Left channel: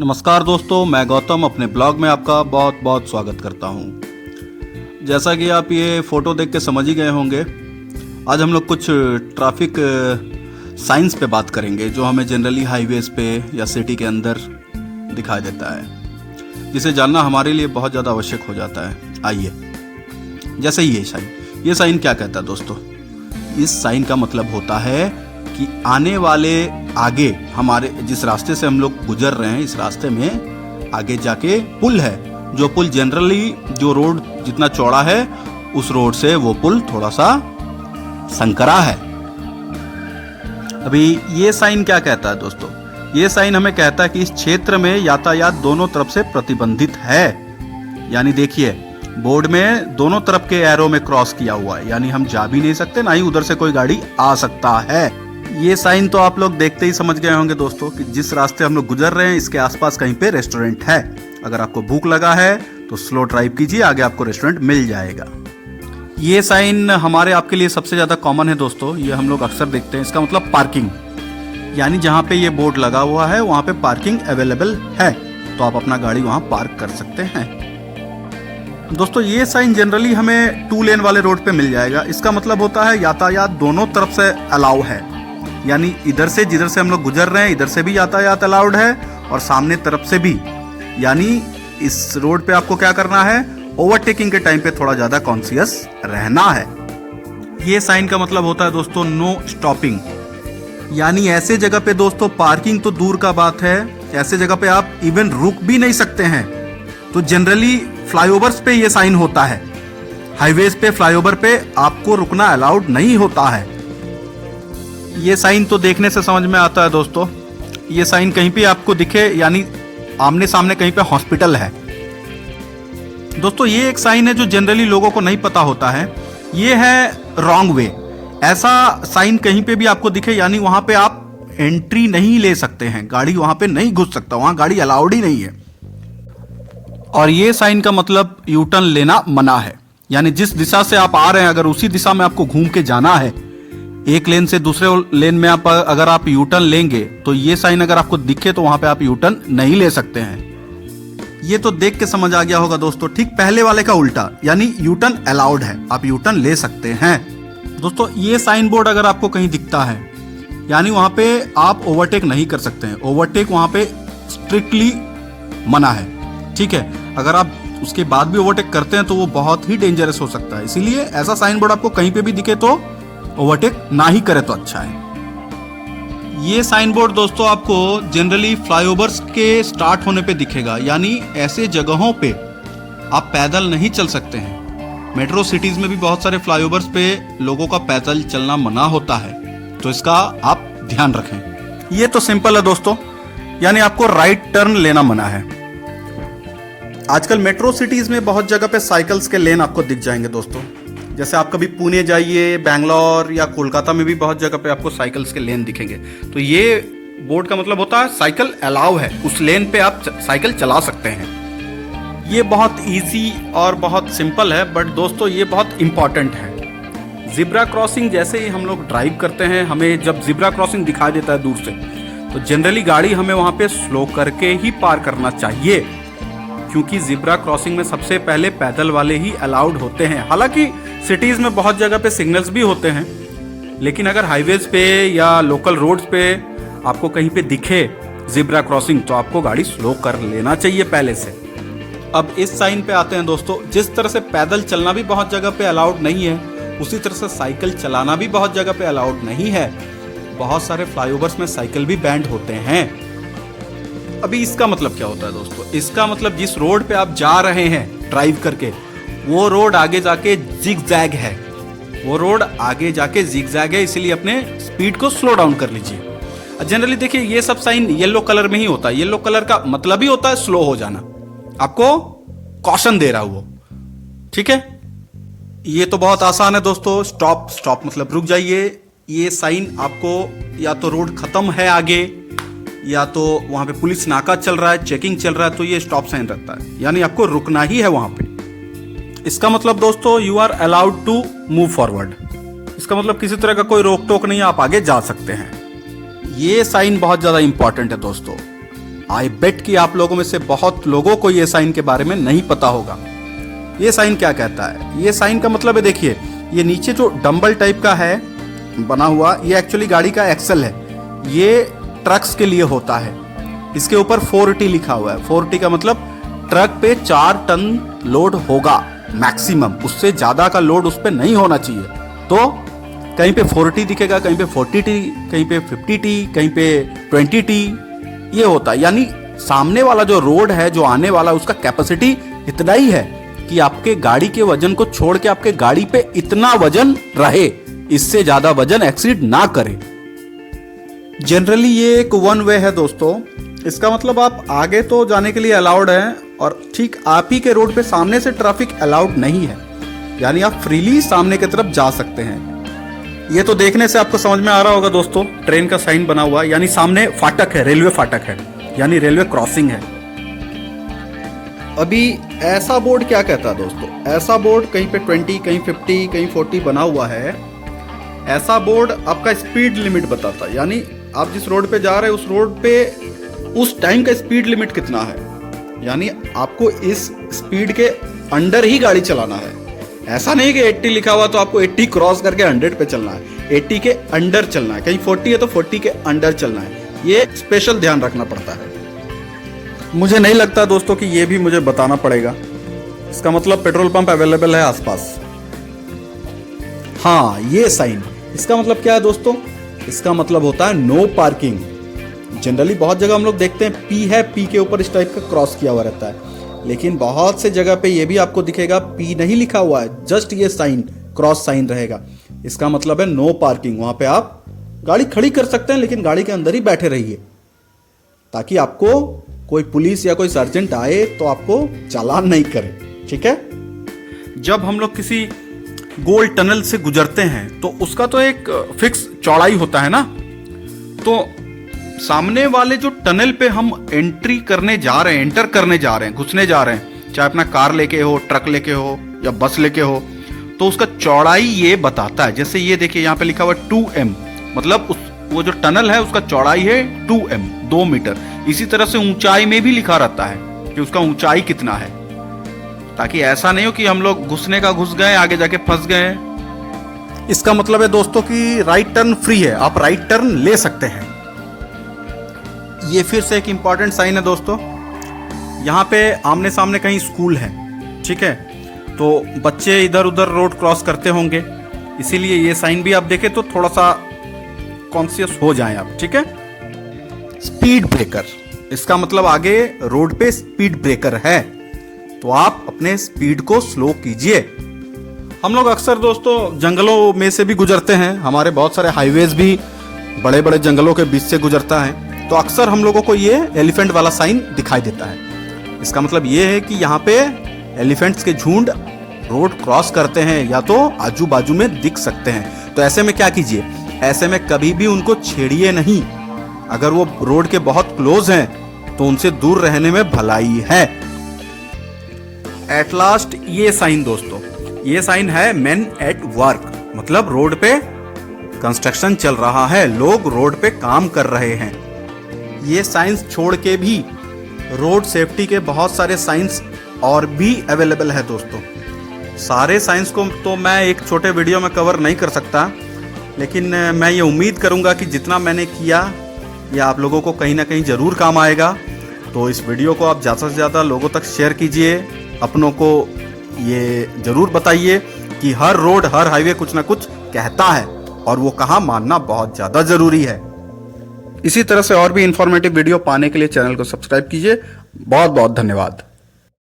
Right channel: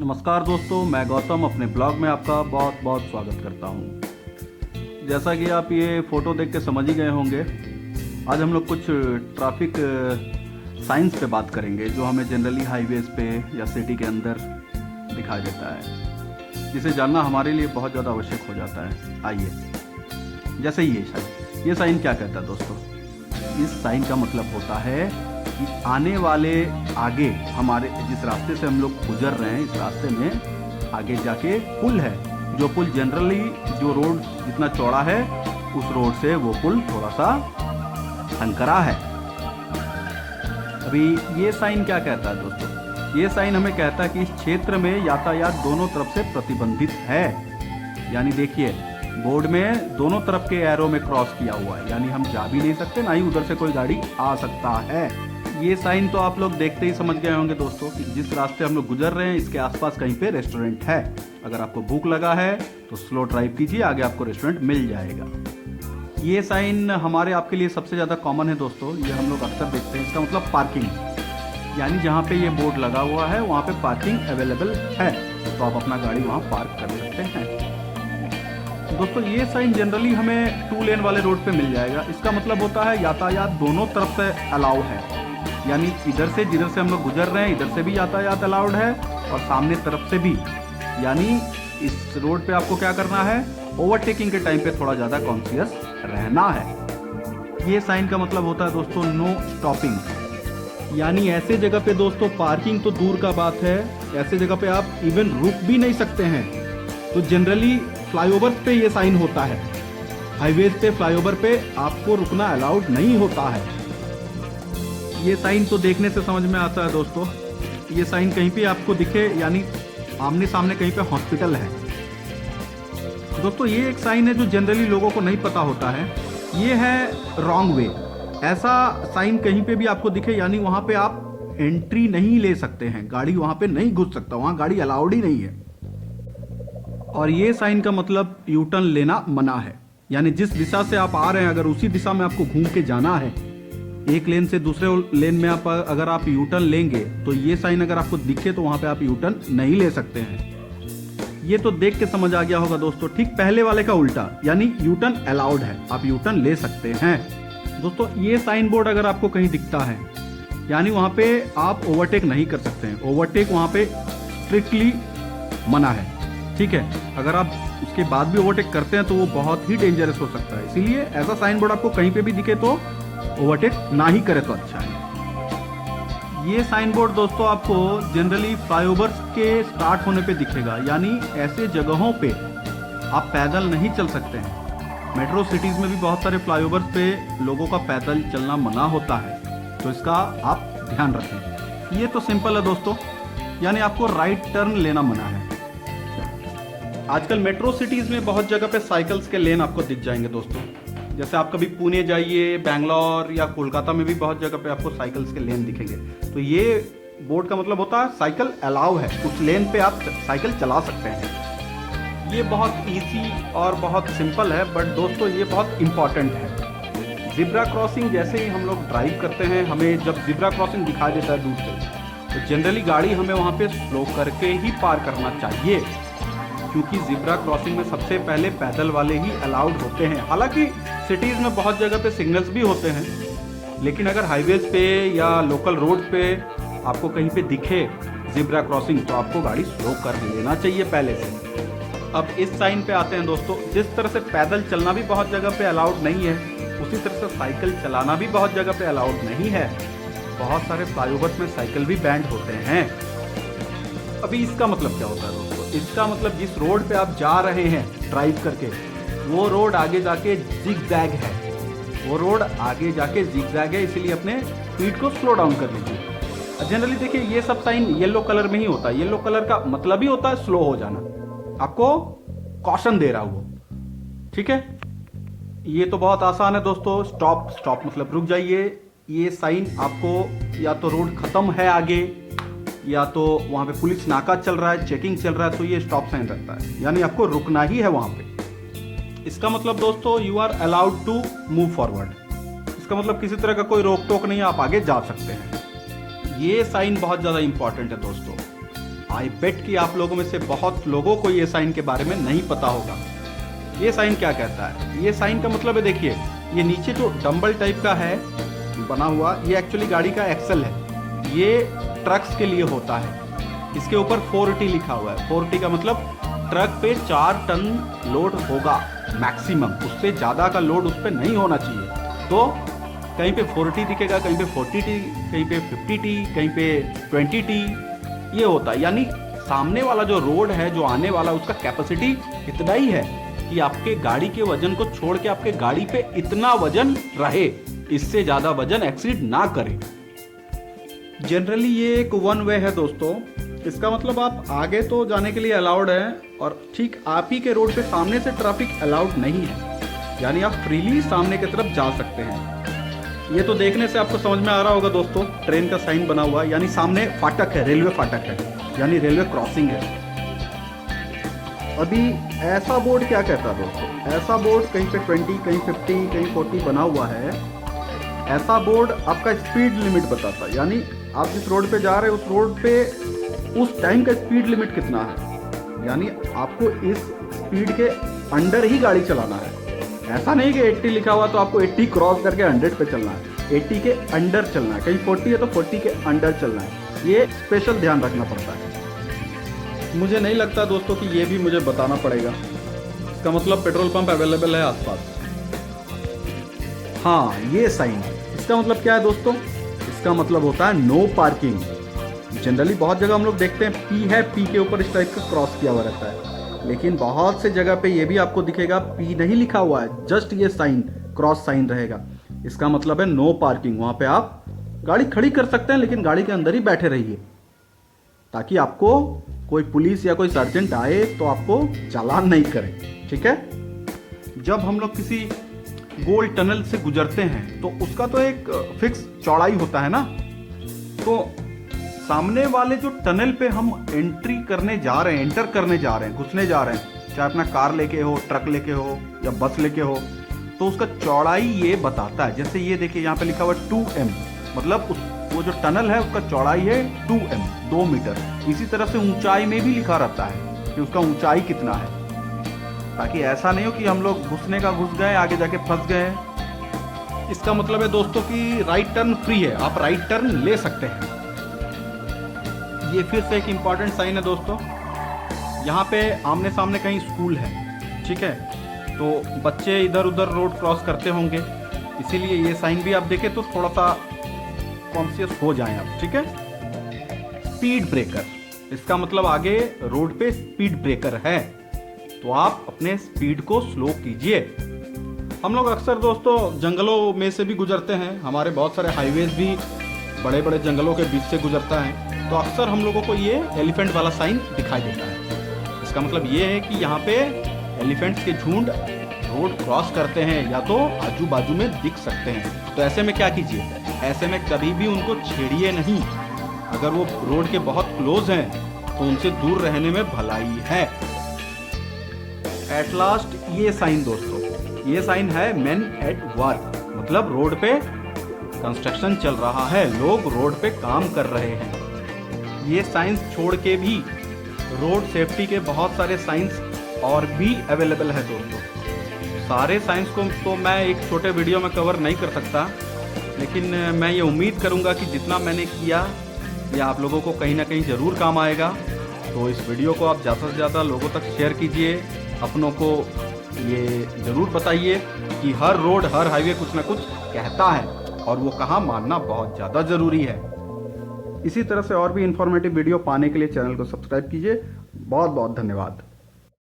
नमस्कार दोस्तों, मैं गौतम अपने ब्लॉग में आपका बहुत बहुत स्वागत करता हूं। जैसा कि आप ये फ़ोटो देख के समझ ही गए होंगे, आज हम लोग कुछ ट्रैफिक साइंस पे बात करेंगे जो हमें जनरली हाईवेज़ पे या सिटी के अंदर दिखाई देता है, जिसे जानना हमारे लिए बहुत ज़्यादा आवश्यक हो जाता है। आइए, जैसे ही ये साइन क्या कहता है दोस्तों? इस साइन का मतलब होता है कि आने वाले आगे हमारे जिस रास्ते से हम लोग गुजर रहे हैं, इस रास्ते में आगे जाके पुल है। जो पुल जनरली जो रोड जितना चौड़ा है उस रोड से वो पुल थोड़ा सा संकरा है। अभी ये साइन क्या कहता है दोस्तों? ये साइन हमें कहता है कि इस क्षेत्र में यातायात दोनों तरफ से प्रतिबंधित है। यानी देखिए, बोर्ड में दोनों तरफ के एरो में क्रॉस किया हुआ है, यानी हम जा भी नहीं सकते, ना ही उधर से कोई गाड़ी आ सकता है। ये साइन तो आप लोग देखते ही समझ गए होंगे दोस्तों कि जिस रास्ते हम लोग गुजर रहे हैं इसके आसपास कहीं पे रेस्टोरेंट है। अगर आपको भूख लगा है तो स्लो ड्राइव कीजिए, आगे आपको रेस्टोरेंट मिल जाएगा। ये साइन हमारे आपके लिए सबसे ज़्यादा कॉमन है दोस्तों, ये हम लोग अक्सर देखते हैं। इसका मतलब पार्किंग, यानी जहाँ पे ये बोर्ड लगा हुआ है वहाँ पे पार्किंग अवेलेबल है, तो आप अपना गाड़ी वहाँ पार्क कर सकते हैं। दोस्तों ये साइन जनरली हमें 2 लेन वाले रोड पे मिल जाएगा। इसका मतलब होता है यातायात दोनों तरफ से अलाउ है, यानी इधर से जिधर से हम लोग गुजर रहे हैं इधर से भी यातायात अलाउड है और सामने तरफ से भी। यानी इस रोड पे आपको क्या करना है, ओवरटेकिंग के टाइम पे थोड़ा ज्यादा कॉन्शियस रहना है। ये साइन का मतलब होता है दोस्तों नो स्टॉपिंग, यानी ऐसे जगह पे दोस्तों पार्किंग तो दूर का बात है, ऐसे जगह पे आप इवन रुक भी नहीं सकते हैं। तो जनरली फ्लाईओवर्स पे ये साइन होता है, हाईवेज पे फ्लाईओवर पे आपको रुकना अलाउड नहीं होता है। ये साइन तो देखने से समझ में आता है दोस्तों। ये साइन कहीं पे आपको दिखे, यानी आमने सामने कहीं पे हॉस्पिटल है। दोस्तों ये एक साइन है जो जनरली लोगों को नहीं पता होता है। ये है रॉन्ग वे। ऐसा साइन कहीं पे भी आपको दिखे, यानी वहां पे आप एंट्री नहीं ले सकते हैं, गाड़ी वहां पे नहीं घुस सकता, वहां गाड़ी अलाउड ही नहीं है। और ये साइन का मतलब यू टर्न लेना मना है, यानी जिस दिशा से आप आ रहे हैं अगर उसी दिशा में आपको घूम के जाना है, एक लेन से दूसरे लेन में अगर आप यू टर्न लेंगे तो ये साइन अगर आपको दिखे तो वहां पे आप यू टर्न नहीं ले सकते हैं। ये तो देख के समझ आ गया होगा दोस्तों, ठीक पहले वाले का उल्टा, यानी यू टर्न अलाउड है, आप यू टर्न ले सकते हैं। दोस्तों ये साइन बोर्ड अगर आपको कहीं दिखता है, यानी वहां पे आप ओवरटेक नहीं कर सकते हैं, ओवरटेक वहां पे स्ट्रिक्टली मना है। ठीक है, अगर आप उसके बाद भी ओवरटेक करते हैं तो वो बहुत ही डेंजरस हो सकता है, इसीलिए ऐसा साइन बोर्ड आपको कहीं पे भी दिखे तो ओवरटेक ना ही करे तो अच्छा है। ये साइन बोर्ड दोस्तों आपको जनरली फ्लाईओवर्स के स्टार्ट होने पे दिखेगा, यानी ऐसे जगहों पे आप पैदल नहीं चल सकते हैं। मेट्रो सिटीज में भी बहुत सारे फ्लाईओवर्स पे लोगों का पैदल चलना मना होता है, तो इसका आप ध्यान रखें। ये तो सिंपल है दोस्तों, यानी आपको राइट टर्न लेना मना है। आजकल मेट्रो सिटीज में बहुत जगह पे साइकिल्स के लेन आपको दिख जाएंगे दोस्तों। जैसे आप कभी पुणे जाइए, बैंगलोर या कोलकाता में भी बहुत जगह पे आपको साइकिल्स के लेन दिखेंगे। तो ये बोर्ड का मतलब होता है साइकिल अलाउ है, उस लेन पे आप साइकिल चला सकते हैं। ये बहुत इजी और बहुत सिंपल है, बट दोस्तों ये बहुत इंपॉर्टेंट है। जिब्रा क्रॉसिंग जैसे ही हम लोग ड्राइव करते हैं, हमें जब जिब्रा क्रॉसिंग दिखाई देता है दूर से, तो जनरली गाड़ी हमें वहां पे स्लो करके ही पार करना चाहिए, क्योंकि जिब्रा क्रॉसिंग में सबसे पहले पैदल वाले ही अलाउड होते हैं। हालांकि सिटीज में बहुत जगह पे सिग्नल्स भी होते हैं, लेकिन अगर हाईवेज पे या लोकल रोड्स पे आपको कहीं पे दिखे जिब्रा क्रॉसिंग तो आपको गाड़ी स्लो कर लेना चाहिए पहले से। अब इस साइन पे आते हैं दोस्तों। जिस तरह से पैदल चलना भी बहुत जगह पे अलाउड नहीं है, उसी तरह से साइकिल चलाना भी बहुत जगह पे अलाउड नहीं है। बहुत सारे फ्लाईओवर्स में साइकिल भी बैंड होते हैं। अभी इसका मतलब क्या होता है दोस्तों? इसका मतलब जिस रोड पे आप जा रहे हैं ड्राइव करके, वो रोड आगे जाके जिगजैग है, वो रोड आगे जाके जिगजैग है, इसलिए अपने स्पीड को स्लो डाउन कर लीजिए। जनरली देखिए ये सब साइन येलो कलर में ही होता है। येलो कलर का मतलब ही होता है स्लो हो जाना, आपको कॉशन दे रहा वो। ठीक है, ये तो बहुत आसान है दोस्तों। स्टॉप, स्टॉप मतलब रुक जाइए। ये साइन आपको या तो रोड खत्म है आगे, या तो वहां पे पुलिस नाका चल रहा है, चेकिंग चल रहा है, तो ये स्टॉप साइन रहता है, यानी आपको रुकना ही है वहां पे। इसका मतलब दोस्तों you are allowed to move forward. इसका मतलब किसी तरह का कोई रोक टोक नहीं, आप आगे जा सकते हैं। ये साइन बहुत ज्यादा इंपॉर्टेंट है दोस्तों। आई बेट कि आप लोगों में से बहुत लोगों को ये साइन के बारे में नहीं पता होगा। ये साइन क्या कहता है? ये साइन का मतलब है, देखिए ये नीचे जो डंबल टाइप का है बना हुआ, ये एक्चुअली गाड़ी का एक्सल है। ये ट्रक्स के लिए होता है। इसके ऊपर 4T लिखा हुआ है। 4T का मतलब ट्रक पे 4 टन लोड होगा मैक्सिमम, उससे ज्यादा का लोड उस पर नहीं होना चाहिए। तो कहीं पे 4T दिखेगा, कहीं पे 40T, कहीं पे 50T, कहीं पे 20T, ये होता है। यानी सामने वाला जो रोड है, जो आने वाला, उसका कैपेसिटी इतना ही है कि आपके गाड़ी के वजन को छोड़ के आपके गाड़ी पे इतना वजन रहे, इससे ज्यादा वजन एक्सीड ना करे। जनरली ये एक वन वे है दोस्तों। इसका मतलब आप आगे तो जाने के लिए अलाउड है और ठीक आप ही के रोड पे सामने से ट्रैफिक अलाउड नहीं है, यानी आप फ्रीली सामने की तरफ जा सकते हैं। ये तो देखने से आपको समझ में आ रहा होगा दोस्तों, ट्रेन का साइन बना हुआ है, यानी सामने फाटक है, रेलवे फाटक है, यानी रेलवे क्रॉसिंग है। अभी ऐसा बोर्ड क्या कहता है दोस्तों? ऐसा बोर्ड कहीं पे 20, कहीं 50, कहीं 40 बना हुआ है। ऐसा बोर्ड आपका स्पीड लिमिट बताता है, यानी आप जिस रोड पे जा रहे हैं उस रोड पे उस टाइम का स्पीड लिमिट कितना है, यानी आपको इस स्पीड के अंडर ही गाड़ी चलाना है। ऐसा नहीं कि 80 लिखा हुआ तो आपको 80 क्रॉस करके 100 पे चलना है। 80 के अंडर चलना है। कहीं 40 है तो 40 के अंडर चलना है। ये स्पेशल ध्यान रखना पड़ता है। मुझे नहीं लगता दोस्तों कि ये भी मुझे बताना पड़ेगा। इसका मतलब पेट्रोल पंप अवेलेबल है आसपास। हाँ, ये साइन, इसका मतलब क्या है दोस्तों? इसका मतलब होता है नो पार्किंग। जनरली बहुत जगह हम लोग देखते हैं पी है, पी के ऊपर इस टाइप का क्रॉस किया हुआ रहता है, लेकिन बहुत से जगह पे ये भी आपको दिखेगा पी नहीं लिखा हुआ है, जस्ट ये साइन, क्रॉस साइन रहेगा। इसका मतलब है नो पार्किंग। वहां पे आप गाड़ी खड़ी कर सकते हैं, लेकिन गाड़ी के अंदर ही बैठे रहिए, ताकि आपको कोई पुलिस या कोई सर्जेंट आए तो आपको चालान नहीं करे। ठीक है? जब हम लोग किसी गोल टनल से गुजरते हैं तो उसका तो एक फिक्स चौड़ाई होता है ना, तो सामने वाले जो टनल पे हम एंटर करने जा रहे हैं, घुसने जा रहे हैं, चाहे अपना कार लेके हो, ट्रक लेके हो या बस लेके हो, तो उसका चौड़ाई ये बताता है। जैसे ये देखिए यहाँ पे लिखा हुआ 2M, मतलब वो जो टनल है उसका चौड़ाई है 2M, 2 मीटर। इसी तरह से ऊंचाई में भी लिखा रहता है कि उसका ऊंचाई कितना है, ताकि ऐसा नहीं हो कि हम लोग घुसने का घुस गए, आगे जाके फंस गए। इसका मतलब है दोस्तों कि राइट टर्न फ्री है, आप राइट टर्न ले सकते हैं। ये फिर से एक इंपॉर्टेंट साइन है दोस्तों। यहाँ पे आमने सामने कहीं स्कूल है, ठीक है, तो बच्चे इधर उधर रोड क्रॉस करते होंगे, इसीलिए ये साइन भी आप देखें तो थोड़ा सा कॉन्शियस हो जाएं आप। ठीक है? स्पीड ब्रेकर, इसका मतलब आगे रोड पे स्पीड ब्रेकर है, तो आप अपने स्पीड को स्लो कीजिए। हम लोग अक्सर दोस्तों जंगलों में से भी गुजरते हैं, हमारे बहुत सारे हाईवेज भी बड़े बड़े जंगलों के बीच से गुजरता है, तो अक्सर हम लोगों को ये एलिफेंट वाला साइन दिखाई देता है। इसका मतलब ये है कि यहाँ पे एलिफेंट्स के झुंड रोड क्रॉस करते हैं या तो आजू बाजू में दिख सकते हैं। तो ऐसे में क्या कीजिए? ऐसे में कभी भी उनको छेड़िए नहीं। अगर वो रोड के बहुत क्लोज हैं तो उनसे दूर रहने में भलाई है। एट लास्ट ये साइन दोस्तों, ये साइन है मेन एट वर्क, मतलब रोड पे कंस्ट्रक्शन चल रहा है, लोग रोड पे काम कर रहे हैं। ये साइंस छोड़ के भी रोड सेफ्टी के बहुत सारे साइंस और भी अवेलेबल है दोस्तों। सारे साइंस को तो मैं एक छोटे वीडियो में कवर नहीं कर सकता, लेकिन मैं ये उम्मीद करूंगा कि जितना मैंने किया ये आप लोगों को कहीं ना कहीं ज़रूर काम आएगा। तो इस वीडियो को आप ज़्यादा से ज़्यादा लोगों तक शेयर कीजिए, अपनों को ये ज़रूर बताइए कि हर रोड, हर हाईवे कुछ ना कुछ कहता है और वो कहाँ मानना बहुत ज़्यादा ज़रूरी है। इसी तरह से और भी इंफॉर्मेटिव वीडियो पाने के लिए चैनल को सब्सक्राइब कीजिए। बहुत बहुत धन्यवाद।